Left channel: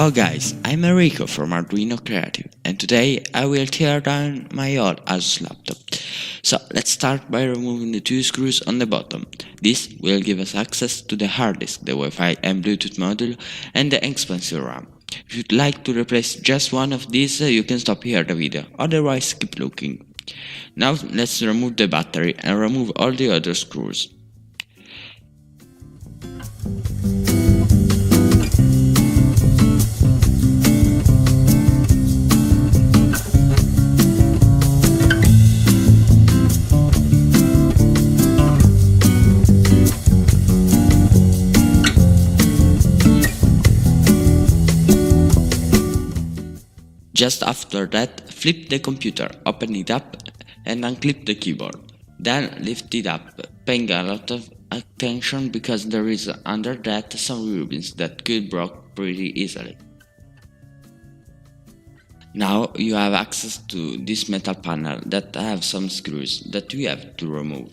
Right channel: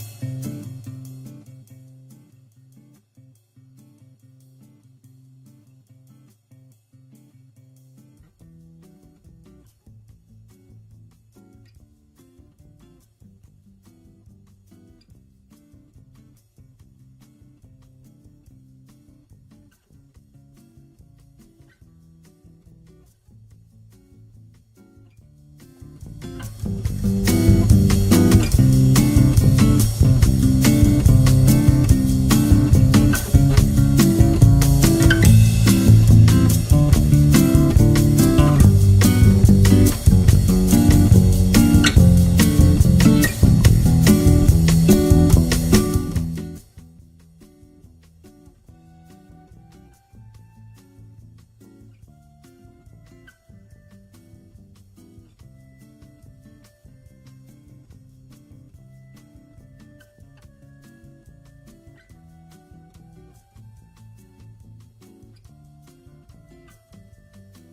Ciao guys, I'm Enrico from Arduino Creative and today I will tear down my old ASUS laptop. So let's start by removing the two screws on the bottom. This will give us access to the hard disk, the Wi-Fi and Bluetooth module and the expansive RAM. If you'd like to replace just one of these, you can stop here the video, otherwise keep looking. Now let's remove the battery and remove all the other screws. Just after that, flip the computer, open it up and unclip the keyboard. Then lift it up, paying a lot of attention because there is under that some ribbons that could break pretty easily. Now you have access to this metal panel that have some screws that we have to remove.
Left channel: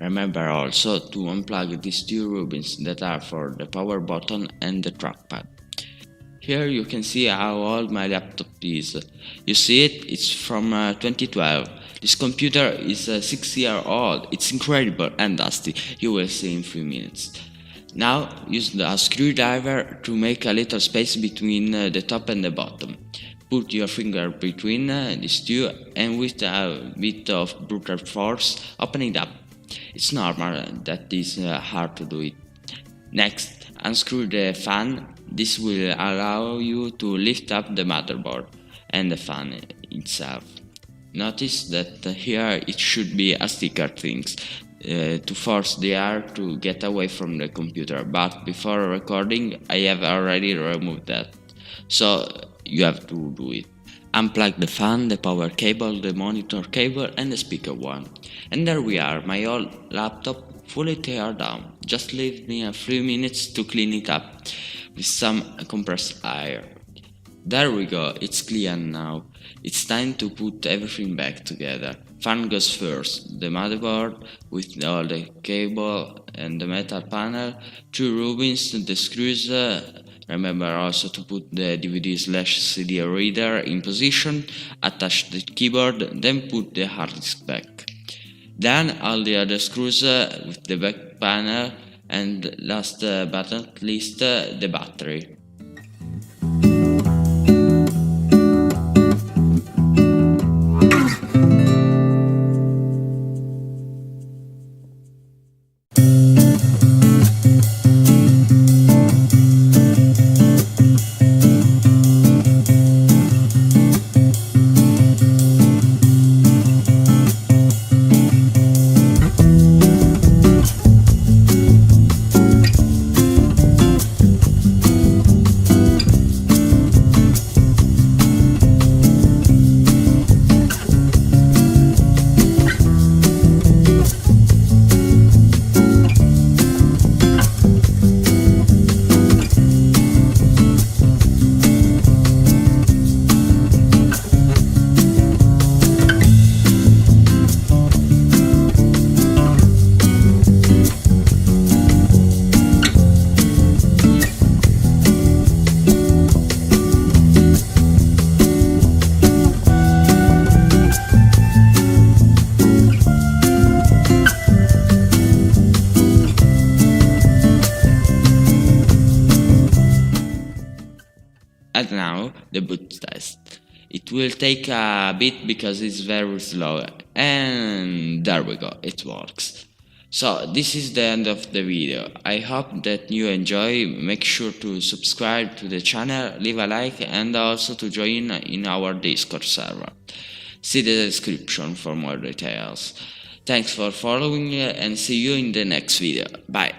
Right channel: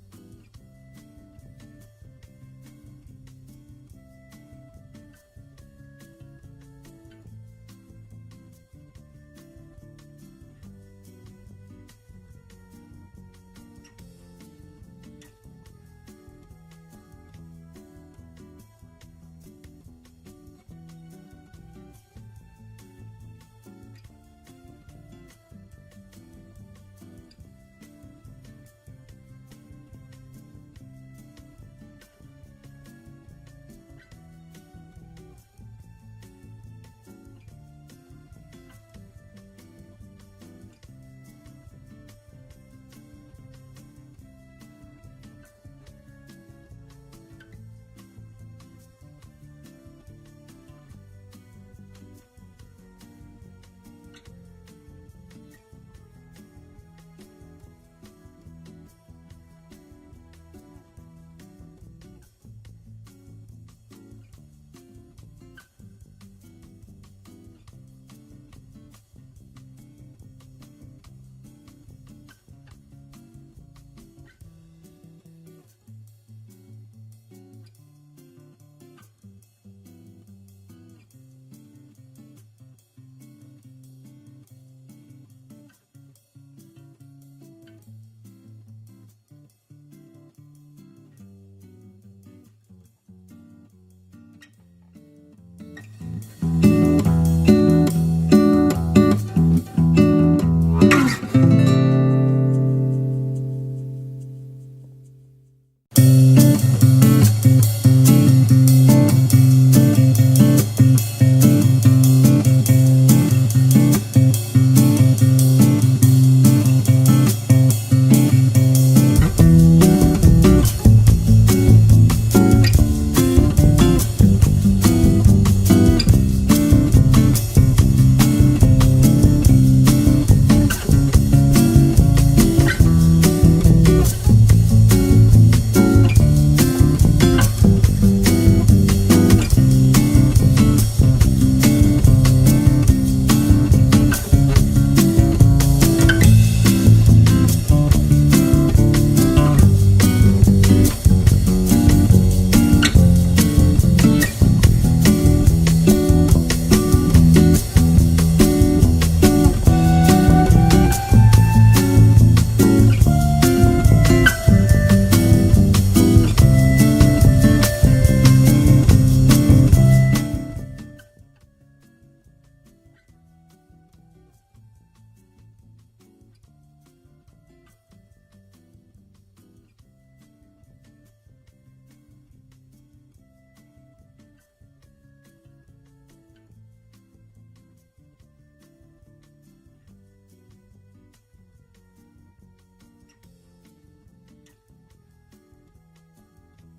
Remember also to unplug these two ribbons that are for the power button and the trackpad. Here you can see how old my laptop is. You see it? It's from 2012. This computer is 6 years old. It's incredible and dusty. You will see in a few minutes. Now use the screwdriver to make a little space between the top and the bottom. Put your finger between these two and with a bit of brutal force open it up. It's normal that it's hard to do it. Next, unscrew the fan. This will allow you to lift up the motherboard and the fan itself. Notice that here it should be a sticker things to force the air to get away from the computer, but before recording I have already removed that, so you have to do it. Unplug the fan, the power cable, the monitor cable and the speaker one. And there we are, my old laptop fully teared down. Just leave me a few minutes to clean it up with some compressed air. There we go, it's clean now. It's time to put everything back together. Fan goes first, the motherboard with all the cable and the metal panel, two ribbons, the screws. Remember also to put the DVD/CD reader in position, attach the keyboard, then put the hard disk back. Then all the other screws with the back panel, and last but not least the battery. And now the boot test. It will take a bit because it's very slow, and there we go, it works. So this is the end of the video. I hope that you enjoy. Make sure to subscribe to the channel, leave a like and also to join in our Discord server. See the description for more details. Thanks for following and see you in the next video. Bye.